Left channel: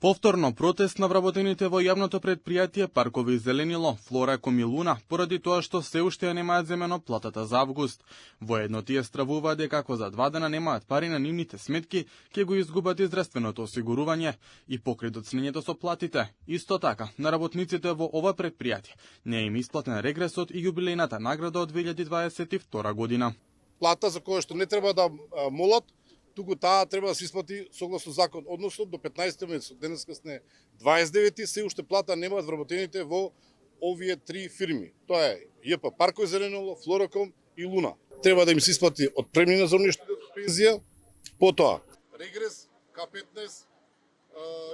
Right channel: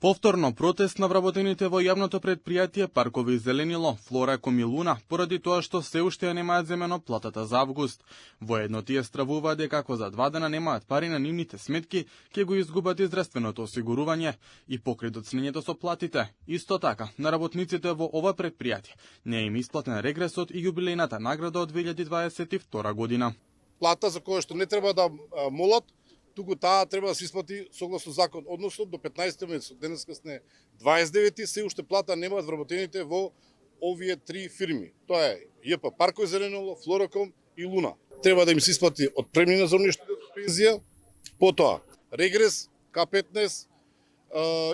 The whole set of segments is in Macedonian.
Повторно протест на вработените во јавното предпријатие Паркови Зеленило, Флораком и Луна, поради тоа што се уште ја немаат земено платата за август. Воедно тие стравуваат дека ако за 2 дена немаат пари на нивните сметки, ќе го изгубат и здравственото осигурување и покри доцнењето со платите. Исто така, на работниците во ова предпријатие не им исплатен регресот и јубилејната награда од 2022 година. Плата за која што не треба да молат, туку таа треба да се исплати согласно закон, односно до 15 месец, денеска сме 29, се уште плата немаат вработените во овие 3 фирми. Тоа е ЈП Паркови Зеленило, Флораком и Луна. Треба да им се исплати отпремнина за оние што пензија, потоа регрес, К15,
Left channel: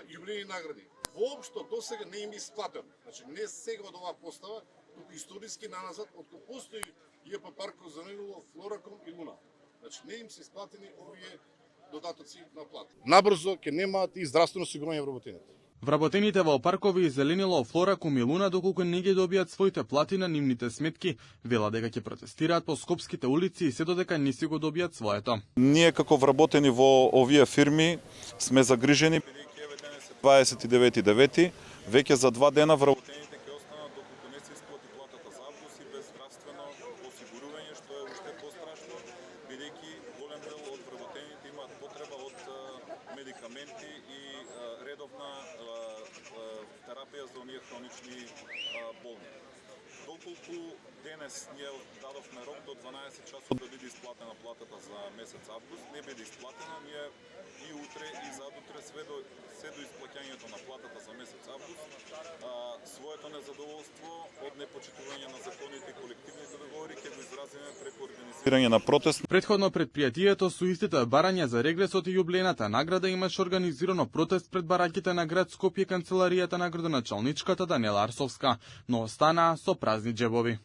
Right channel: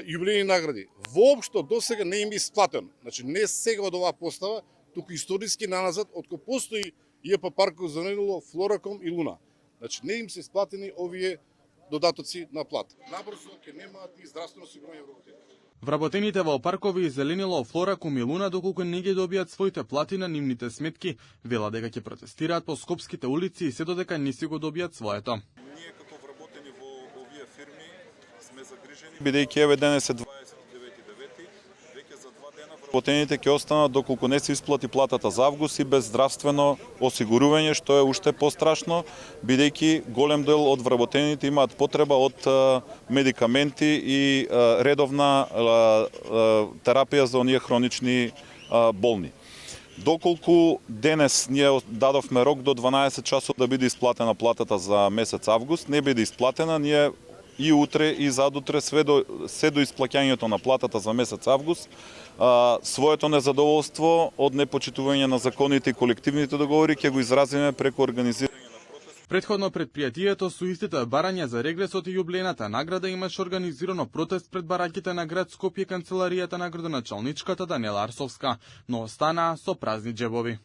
јубилејни награди. Воопшто досега не им исплатено. Значи не сега од оваа постава, туку историски наназад откако постои ЈП Паркови Зеленило, Флораком и Луна. Значи не им се исплатени овие додатоци на плата. Набрзо ќе немаат и здравствено осигурување вработените. Вработените во Паркови Зеленило, Флораком и Луна, доколку не ги добијат своите плати на нивните сметки, вела дека ќе протестираат по скопските улици и се додека не си го добијат своето. Ние како вработени во овие фирми сме загрижени, бидејќи еве денес е 29.9. Веќе за 2 дена вработените ќе останат доколку не се исплати платата за август и без здравствено осигурување, што е уште пострашно, бидејќи голем дел од вработените имаат потреба од медикаменти и редовна терапија за оние хронични болни. Доколку денес ние дадовме рок до 12 часот да биде исплатена платата за месец август, не биде исплатена, ние и утре и задутре се до исплаќањето на платата за месец август, своето незадоволство од непочитување на законите и колективните договори ќе го изразиме преку организирање на протест. Предходно предпријатието со истите барања за регресот и јублејната награда имаше организирано протест пред бараќите на град Скопје, канцеларијата на градоначалничката Даниела Арсовска, но останаа со празни џебови.